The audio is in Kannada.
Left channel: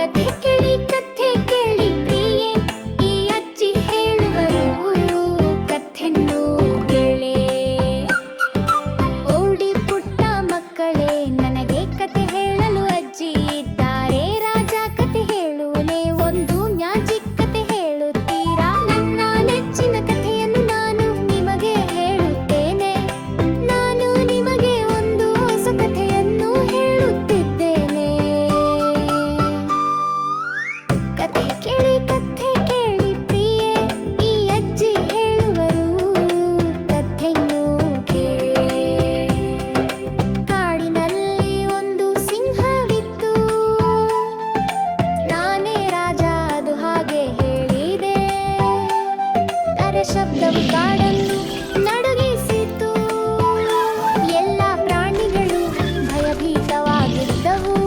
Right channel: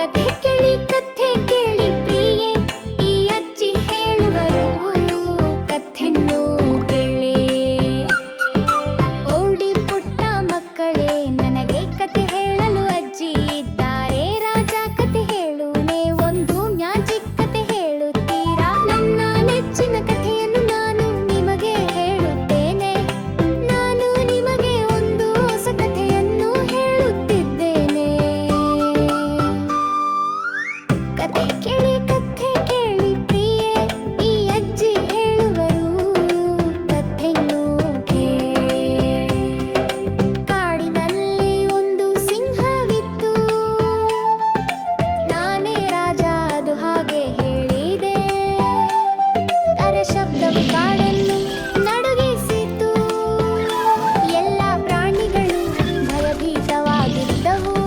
ಕಥೆ ಕೇಳಿ ಪ್ರಿಯೆ, ಈ ಅಜ್ಜಿ ಹೇಳುವರು ಕಥೆನ್ನು ಕೇಳೆ. ಓಡಿ ಪುಟ್ಟ ಮಕ್ಕಳೇ, ನನಗೆ ಕತೆ ಹೇಳಲು ಅಜ್ಜಿ ಇದ್ದಾರೆ. ರಾಜ ಕತೆ ಹೇಳುವನೇ, ಒಂದು ಮ್ಯಾಜಿಕ್ ಕತೆ ಹೇಳುತ್ತೀರಾ? ನನ್ನ ನೆಚ್ಚಿನ ಕಥೆಯನ್ನು ನಾನು ನಿಮಗೆ ಹೇಳುತ್ತೇನೆ. ನಾನು ನಿಮಗೆ ಒಂದು ಹೊಸ ಕಥೆಯನ್ನು ಹೇಳುತ್ತಿದ್ದೇನೆ. ಕಥೆ ಕೇಳಿ ಪ್ರಿಯೆ, ಈ ಅಜ್ಜಿ ಹೇಳುವರು ಕಥೆಯನ್ನು ಕೇಳಿ. ಕಾಡಿನಲ್ಲಿ ಒಂದು ಸಿಂಹವಿತ್ತು, ನಾನೇ ರಾಜ ಅದು ಹಾಗೆ ಹೇಳಿದೆ. ತರ ಶಬ್ದವು ಕಾಡನ್ನು ನಡುಗಿಸಿತು, ಎಲ್ಲ ಪ್ರಾಣಿಗಳು ಭಯಭೀತವಾಗಿದ್ದವು.